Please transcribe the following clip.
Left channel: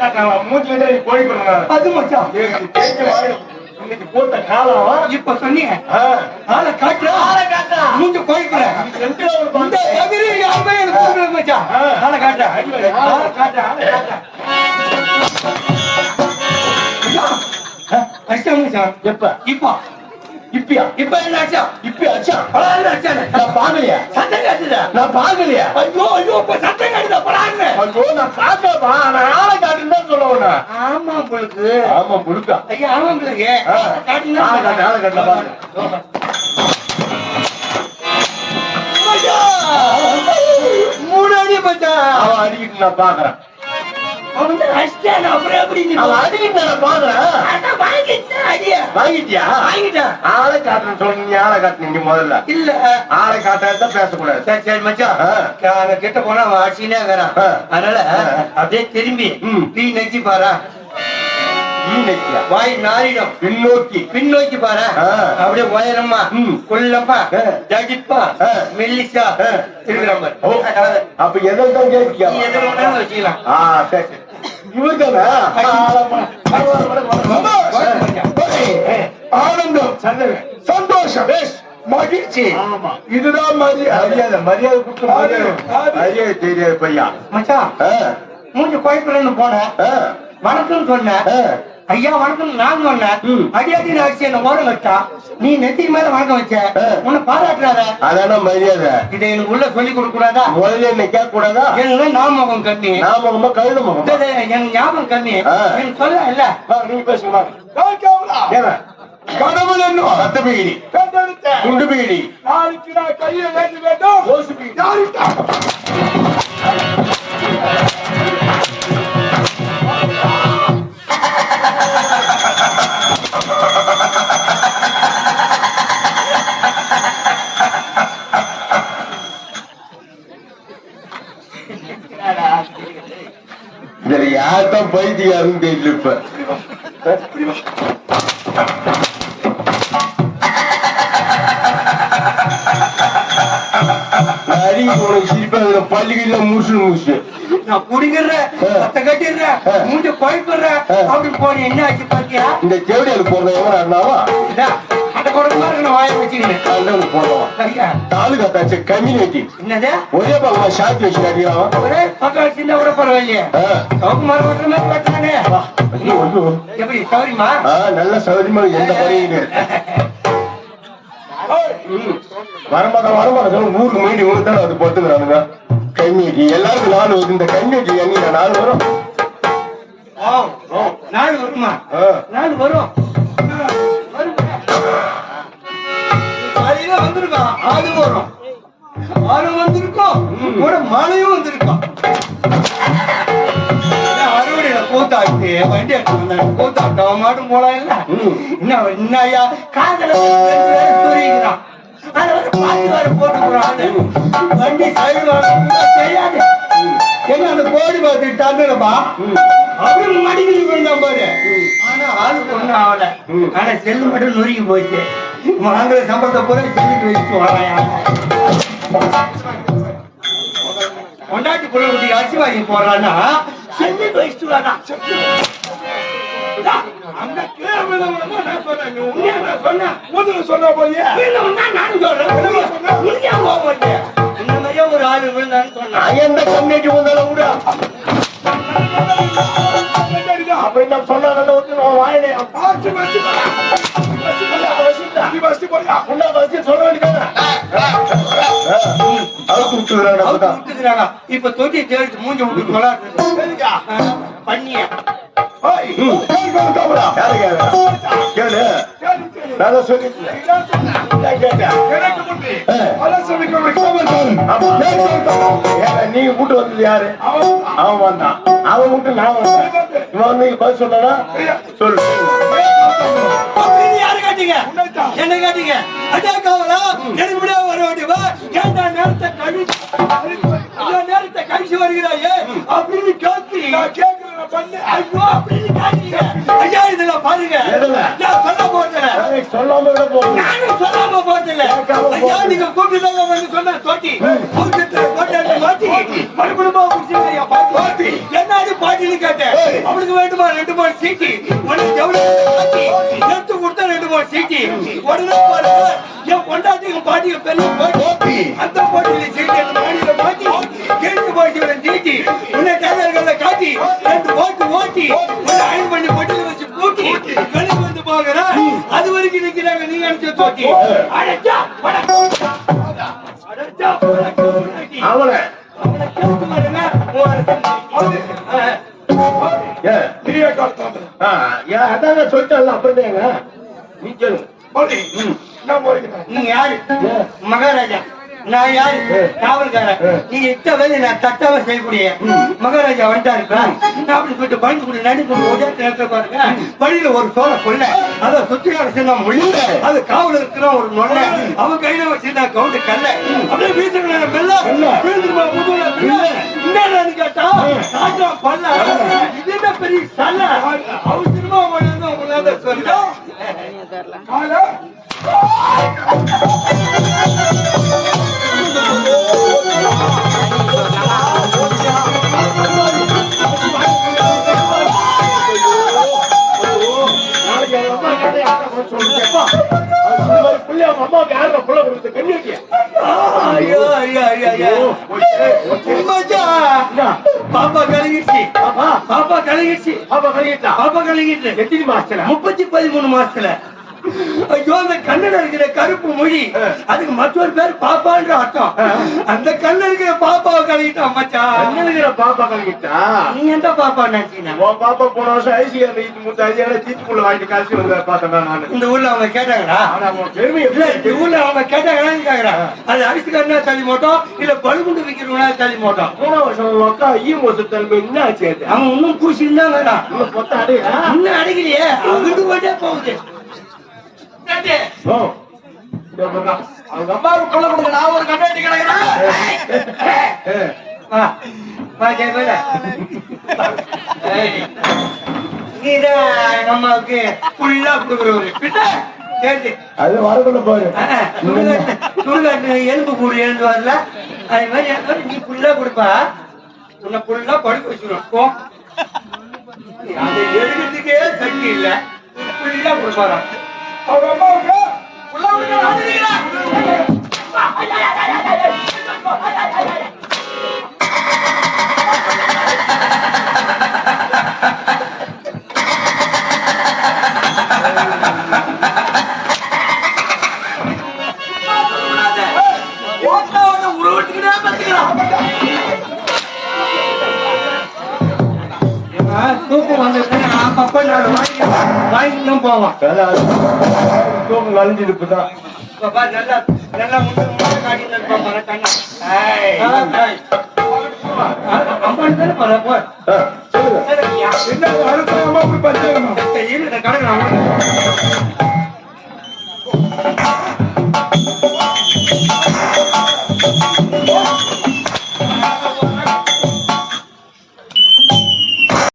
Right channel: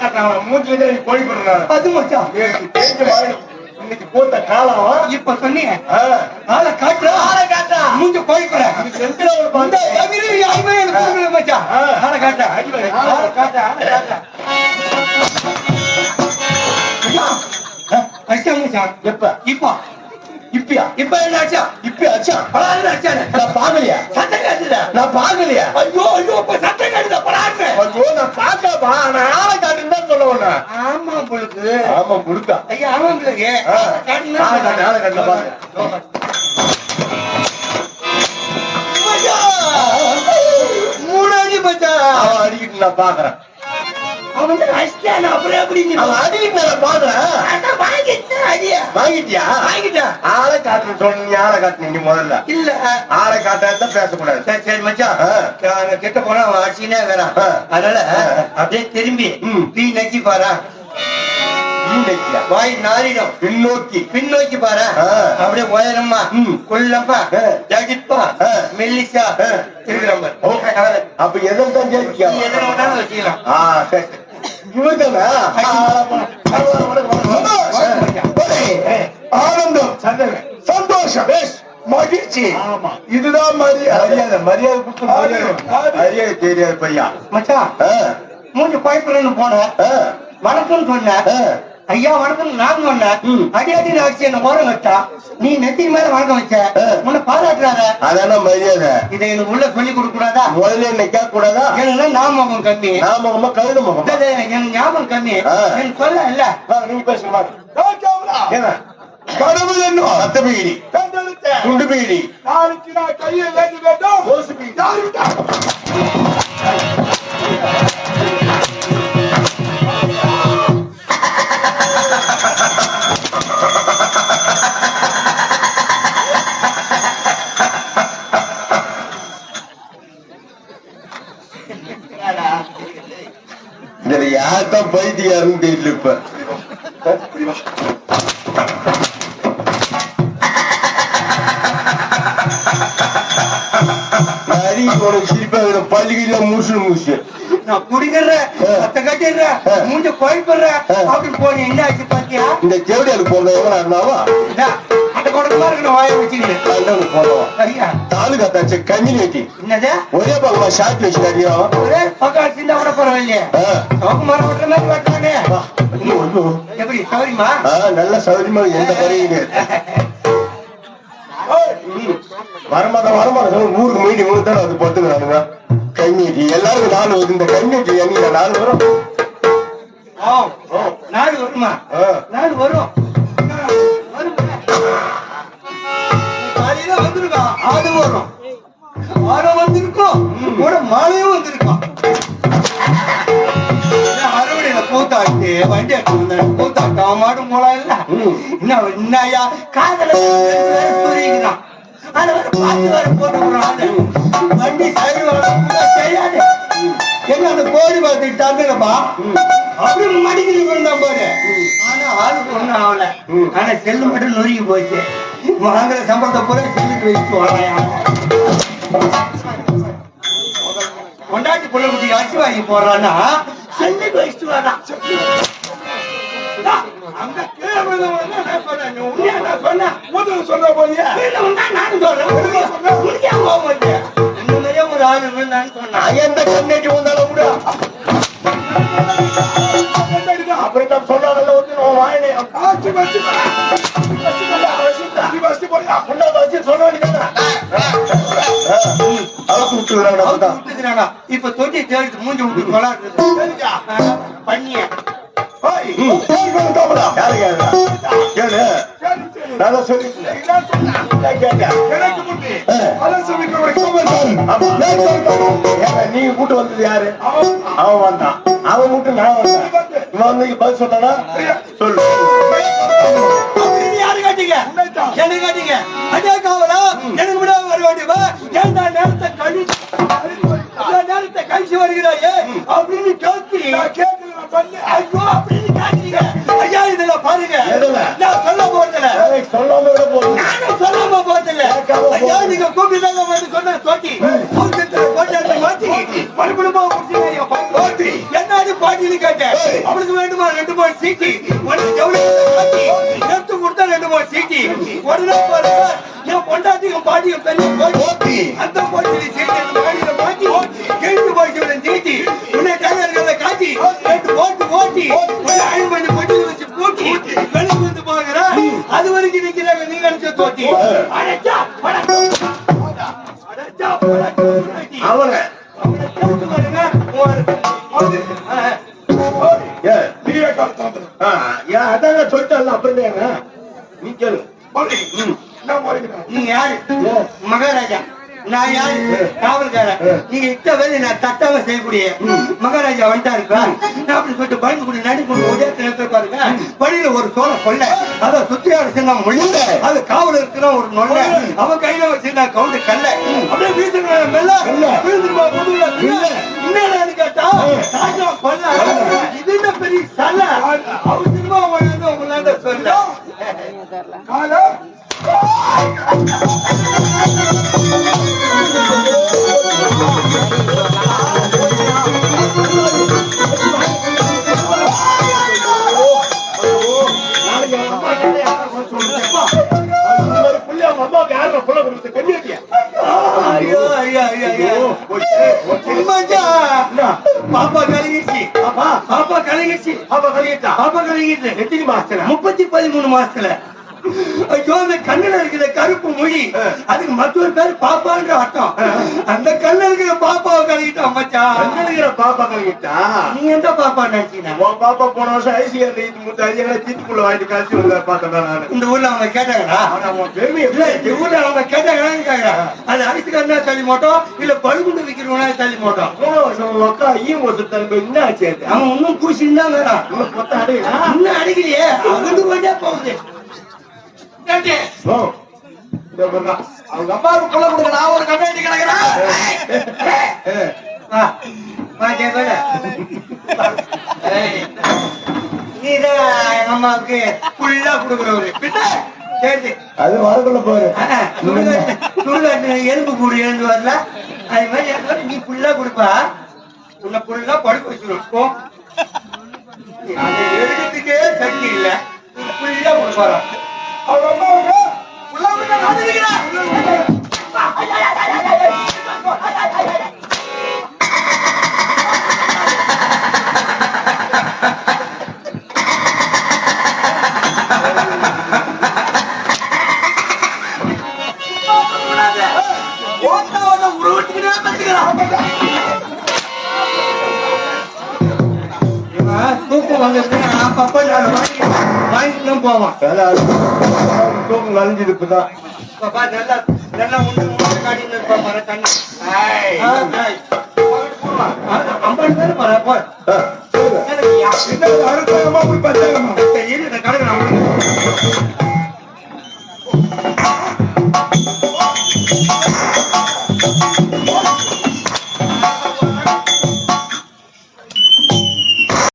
காட்டாங்களா மூஞ்சி வந்து கோழி பண்ணுறாங்க அது மச்சான் தேஞ்ச மாதிரி இன்னைக்கு போட்ட காலம் இப்ப சொன்னீங்க ஆ. ஆளை காட்டுற ஆளை காட்டா. மூஞ்ச பந்து. தகுதி யாருமே எனக்கு மச்சான். ஆளை காட்ட அடி வாங்க. ஆளை காட்டா, ஆளை காட்டா. அச்சா மச்சான் எப்ப இப்போ இப்பயா? இப்ப என்ன ஆச்சா? இப்பயா அச்சா பலாறு ஆச்சா நான் பாக்கலையா சத்தம் காட்டுதா நான் பாக்கலையா ஐயோ ஐயோ இப்ப சத்தம் காட்டுதா பலாறு ஐயோ நான் பாக்கப்பா நான் ஆளை காட்டுன்னு தான் சொல்லுவேன் ஆமா உங்களுக்கு ஆமா முடுக்கா ஐயா ஆமா உங்களுக்கு ஆ. ஆளை காட்டு ஆளை காட்டு பாருங்க மூணாடி பச்சா அவன் அடிக்கிட்டு நான் பாக்குறேன். அவன் வந்து அடிச்சான் அப்புறம் எப்படி அவன் அடிக்கிட்டு நான் பாக்குறேன். வாங்கிட்டியா? வாங்கிட்டேன் ஆளை காட்டுன்னு சொன்னீங்க ஆளை காட்டுனீங்க நீ முதல்ல. இல்ல. ஆளை காட்டாதான் பேசக்கூடாது. சரி சரி மச்சான். ஆ. அங்க கிட்ட போனா அவன் அடிச்சுனே இருக்கிறான். ஆ. அதனால ஆ. அப்படியே திரும்பி. டீ நக்கி பாரு. வாய் நாரிடும் பின்னோக்கி. பின்னோக்கி பாரு. அப்படியே உயரமா ம். குள்ளப்பா ஆ. ஜகிப்பா. மெல்லிசா. மாதிரி அப்ப எதை தான் கேட்கியா எதை வேணாலும் வச்சுக்கலாம். ஆ சரி. ஆனந்தம் சந்தோஷம் மகிழ்ச்சி. ஆமா. இதுதான் மரியாதை. மரியாதை மரியாதை தெரியாது பையா மச்சான் மூஞ்சி கோயம்புறன்னு போனேன். ஆ, வணக்கம் சொன்னேன். ஆ. ஐயா வணக்கம் நான் ம். அடியாடி அடிச்சு என்ன ஓரம் வச்சான் நீ நெத்தி மேல வணக்கம் வச்ச. ஆ. உன்னை பாராட்டுறாரு. அதான மரியாதை. இதை எனக்கு உள்ள சொல்லி கொடுக்க கூடாதா முதல்ல என்ன கேட்க கூடாதா எனக்கு நாமகம் கம்மி நான் முகமா. கழுத முகமா எனக்கு ஞாபகம் கம்மி ஆ. எனக்கு சொல்ல இல்ல. நீங்க பேசுங்க கடவுள் என்னும் ரத்த பீடி. குண்டு பீடி. நாளைக்கு நான் கையை வேண்டி வேண்டும். இதுல யார்தான் பைத்தியாருன்னு தெரியல இப்ப நரி உனக்கு. பள்ளிக்கல்ல மூசு மூசு நான் குடிக்கிறேன் கட்டிடுறேன். மூஞ்ச கோயப்படுறேன் ஆ. அப்படி போய் என்ன ஆச்சு பாத்தியா? இந்த செவடியாlu போங்க. எவனா இருந்தாவா என்னது? ஒரே ஷார்ட் வச்சு ஒரே பக்கம் விட பரவாயில்லையே. அவங்க மரம் ஓட்டுற மாதிரி வெட்டுறாங்க எப்படி சௌரியமா? நல்ல சௌகரியமா எந்த குறையும் வரமாட்டோம் வரமாட்டோம். ஊருக்கு மீறி ஒன்று தான் அது பார்த்துக்கிறானுங்க கம்யூனிட்டி எல்லாருக்கும் நாலு வருது. இந்த எங்க நாலு வரும். நாடு வருமா? வரும் வருமா? வரும் ஆடு வந்திருக்கும். கூட மாலையும் வந்திருக்கும். அறுவடையில கூத்தாட்டு வண்டி அவன் மாட்டும் போலாம் இல்ல. என்ன என்ன ஐயா காதல சொல்லிக்கிறான் அதை வந்து பாட்டு வேற போட்டுக்கிறான். வண்டி சைடு செய்யாது என்ன அந்த கோடி பார்த்து தந்துடுப்பா அவரு மடிக்கலி விழுந்தான் பாரு. ஆனா ஆளுக்கு ஒண்ணும் ஆகல. ஆனா செல்லு மட்டும் நொறுங்கி போச்சு. வாங்குற சம்பளத்தை பூரா சேமித்து வைத்து வரேன் கொண்டாட்டி குட்டி அரிசி வாங்கி போறான்னா செஞ்சு வச்சுட்டு வரான் அங்க கீழே விழுந்தவங்க நான் உண்மையா நான் சொன்னேன். முதல்ல சொன்ன போய் நானும் சொல்றேன். உண்மையா மாதிரியே ஒரு ஆள் விழுந்தான்னு எந்த கம்யூனிட்டி வந்தாலும் விடு. வந்து நான் வாயிலே. ஆச்சு வச்சு வச்சு வச்சு சொல்ல வேண்டியதானே. இப்ப தொட்டி தேடிட்டு மூஞ்சி விட்டு பண்ணிய. நீங்க கூட்டு வந்தது யாரு? அவன் வந்தான். அவன் கூட்டு நான் வந்தேன். இவன் வந்து இங்க பதில் சொன்னானா? சொல்லு. கேட்டீங்க? என்ன கேட்டீங்க? அடே காவலா, எனக்கு முன்னாடி வர வேண்டியவா, ஏன்டா நேரத்தை கழி- ஏன் நேரத்தை கழிச்சு வருகிறாயே? அப்படின்னு கேட்கிறீங்க. நான் கேட்கிறேன் பண்ணு ஐயோ, அப்படின்னு கேட்கிறீங்க. ஐயா, இதுல பாருங்க. நான் சொல்ல போறதில்ல. ஏய், சொல்லாம விட போகுது நானும் சொல்லாம போறதில்ல. ஐயா, நீங்க கூப்பிட்டு வந்து சொன்ன தோட்டி. அவங்க போட்டு அந்த மாட்டு போட்டி மறுபடியும் குடிச்சு போட்டி என்னடி பாட்டின்னு கேட்டேன். அவளுக்கு வேண்டுமா ரெண்டு ஒரு ஜவுளி காட்டி எடுத்து கொடுத்தா என் பொண்டாட்டியும் பாட்டியும் பெரிய போட்டி. அந்த சீட்டி அந்த மாட்டி உன்னை காட்டி ரெண்டு போட்டு ஓட்டி உன்னை அயன் பண்ணி வச்சு கூட்டி வந்து அது வரைக்கும் நிக்கிறாங்க நீ நினைச்ச தோட்டி அடைச்சா கேளு போடி நான் போறேன் நீ யாரு மகாராஜா நான் யாரு காவல்காரன் நீ எட்ட வேலை நான் தட்டாம செய்யக்கூடிய மகாராஜா வந்துட்டாரு அப்படி சொல்லிட்டு பயந்து கொண்டு நடி கொண்டு உதயத்தை நிறுத்த பாருங்க வழியில ஒரு சோழ கொள்ள அதை அடிச்சு நான் முள்ள அது காவல் இருக்கிற ஒரு நொல்ல அவன் கையில வச்சு நான் கவுந்து கல்ல அப்படியே வீசுறேன் மெல்ல வீழ்ந்துருமா முதுகுல என்னன்னு கேட்டா ராஜா கொல்ல இது என்ன பெரிய சல்ல அவசரமா மச்சான். பாப்பா கலங்கிடுச்சு பாப்பா கலங்கிடுச்சு. பாப்பா கழிட்டா பாப்பா கலங்கிடுச்சு. எத்தனை மாசத்துல? முப்பத்தி பதிமூணு மாசத்துல. ஐயோ கண்ணுல இருக்கிற கருப்பு மொழி. அதுக்கு மற்றொரு பேர் பாப்பான்ற அர்த்தம். அந்த கண்ணுல இருக்கிற பாப்பாவை கலங்கிட்டான் மச்சான். கண்ணுல பாப்பா கழிட்டா நீ எந்த பாப்பா நினைச்சீங்க? உன் பாப்பா போன வருஷம் ஐசிஆர் நீட்டு முத்த ஐசிஆர் தீத்துக்குள்ள வாங்கிட்டு கழிச்சு வந்த பார்த்தேன் நானு இந்த ஊர்ல அவங்க எப்படி இந்த ஊர்ல அவங்க கேட்டாங்கன்னு கேக்குறேன். அது அரிசிக்காரனா தள்ளி மாட்டோம் இல்ல பழுகுண்டு விற்கிறவனா தள்ளி மாட்டோம் போன வருஷம் உன் அக்கா ஈயம் வருஷம் தன்பு என்ன ஆச்சு? அவன் ஒன்னும் பூசின்னு தான் வேணாம் பொத்த அடையா இன்னும் அடிக்கலையே. அங்கிட்டு போயிட்டே போகுது கேட்டு. ஓ இந்த பொண்ணா அவங்க அம்மாவுக்கு கொலை கொடுக்க நான் ஒரு கண்ணாடி கிடக்குறேன். நீதான் எங்க அம்மாவுக்கு ஃபுல்லா கொடுக்குறவரு. பின்ன கேட்டு. அது வரக்குள்ள பாரு. ஆ, சுடுகாட்டு சுடுகாட்டு எலும்பு கூடு எழுந்து வரல. அது மாதிரி நீ ஃபுல்லா கொடுப்பா. உன்னை ஃபுல்லா படுக்க வச்சிருவோம் போ. அதை எடுக்கிறதுக்கே சக்தி இல்ல. ஃபுல்லா கொடுப்பாரான் அவங்க அம்மாவுக்கு உள்ள உள்ள நான் வாங்கிட்டு தான் போவான் இப்பதான் பாப்பா நல்லா நல்லா முன்ன முன்ன காட்டின்னு இருப்பான் பாரு கண்ணா. ஆ, ஆ. அ- அம்பான்னு தானே பாரு, போ.